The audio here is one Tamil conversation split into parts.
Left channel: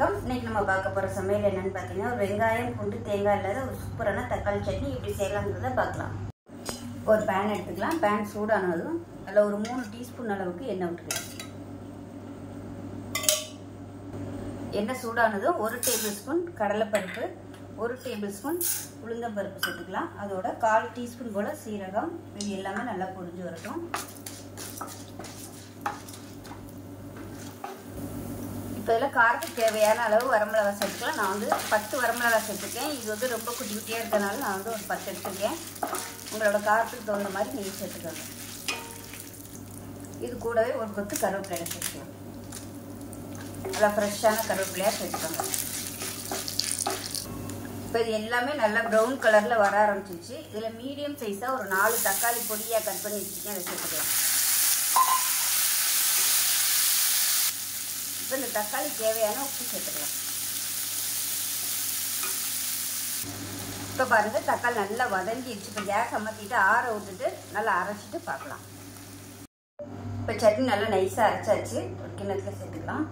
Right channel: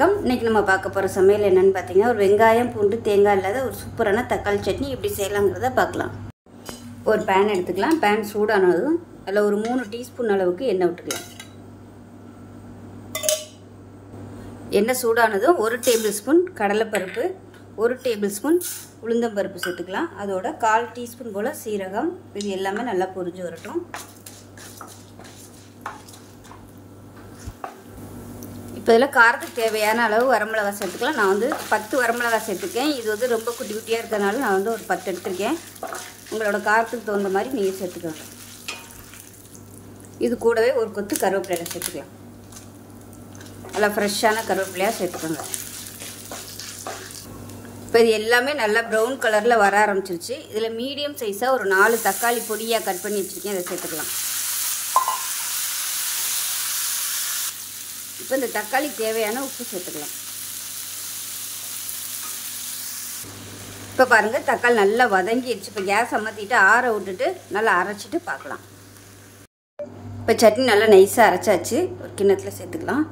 வணக்கம். இன்னைக்கு நம்ம பார்க்க போகிற சமையல் என்னன்னு பார்த்தீங்கன்னா, ஒரு வெங்காயம் பூண்டு தேங்காய் இல்லாத ஒரு சூப்பரான தக்காளி சட்னி எப்படி செய்யலாங்கிறத பார்க்கலாம். ஒரு பேன் எடுத்துக்கலாம். பேன் சூடானதும் அதில் ஒரு 3 டீஸ்பூன் அளவுக்கு எண்ணெய் விட்டுக்கலாம். எண்ணெய் சூடானதும் 1 டேபிள் ஸ்பூன் கடலைப்பருப்பு, 1 டேபிள் ஸ்பூன் உளுந்தம்பருப்பு சேர்த்துக்கலாம். அதோட 1/4 டீஸ்பூன் போல் சீரகம். இது எல்லாமே நல்லா பொரிஞ்சு வரட்டும். இப்போ இதில் காரத்துக்கு தேவையான அளவு வரமிளகாய் சேர்த்துக்கலாம். நான் வந்து 10 வரமிளகாய் சேர்த்துக்கேன். இது வந்து ரொம்ப குட்டி குட்டியாக இருக்கிறதுனால நான் வந்து ஒரு 10 எடுத்துருக்கேன். உங்களோட காரத்துக்கு தகுந்த மாதிரி நீங்கள் சேர்த்துக்கலாம். இது கூடவே ஒரு கொத்து கருவேப்பிலையை சேர்த்துக்கலாம். நல்லா ஃப்ரெஷ்ஷான கருவேப்பிலையாக சேர்த்துக்கோங்க. இப்போ இது எல்லாமே நல்லா ப்ரௌன் கலரில் வர ஆரம்பிச்சிருச்சு. இதில் மீடியம் சைஸாக ஒரு 4 தக்காளி பொடியாக கட் பண்ணி வச்சுருக்கேன். இதை சேர்த்துக்கலாம். இப்போ இந்த தக்காளி தேவையான உப்பு சேர்த்துக்கலாம். இப்போ பாருங்கள், தக்காளி நல்லா வதங்கிடுச்சு. இப்போ கேஸ் அமர்த்திட்டு ஆற விட்டுட்டு நல்லா அரைச்சிட்டு பார்க்கலாம். இப்போ சட்னி நல்லா நைஸாக அரைச்சாச்சு. ஒரு கிண்ணத்தில் சேர்த்துக்கலாம்.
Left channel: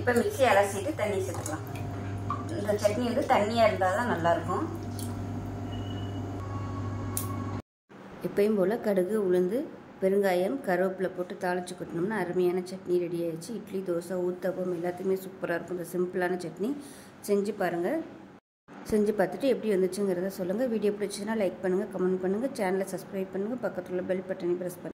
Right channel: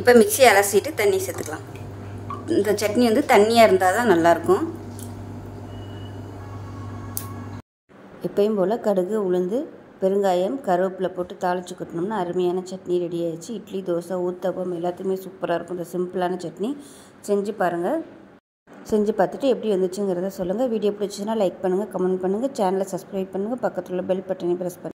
இப்போ மிக்ஸி அரைச்சிட்டு தண்ணி சேர்த்துக்கலாம். இந்த சட்னி வந்து தண்ணியாக இருந்தால் தான் நல்லாயிருக்கும். எப்பயும் போல் கடுகு, உளுந்து, பெருங்காயம், கருவேப்பிலை போட்டு தாளித்து கொட்டினோம்னா அருமையான சட்னி ரெடி ஆகிடுச்சு. இட்லி, தோசை, ஊத்தப்பம் எல்லாத்துக்குமே சூப்பராக இருக்கும். இந்த சிம்பிளான சட்னி செஞ்சு பாருங்கள். செஞ்சு பார்த்துட்டு எப்படி வந்துச்சுங்கிறத சொல்லுங்கள். வீடியோ பிடிச்சிச்சுன்னா லைக் பண்ணுங்கள், கமெண்ட் பண்ணுங்கள், சேனலை சப்ஸ்கிரைப் பண்ணுங்கள், பக்கத்தில் உள்ள பெல் பட்டனை ப்ரெஸ் பண்ணுங்கள்.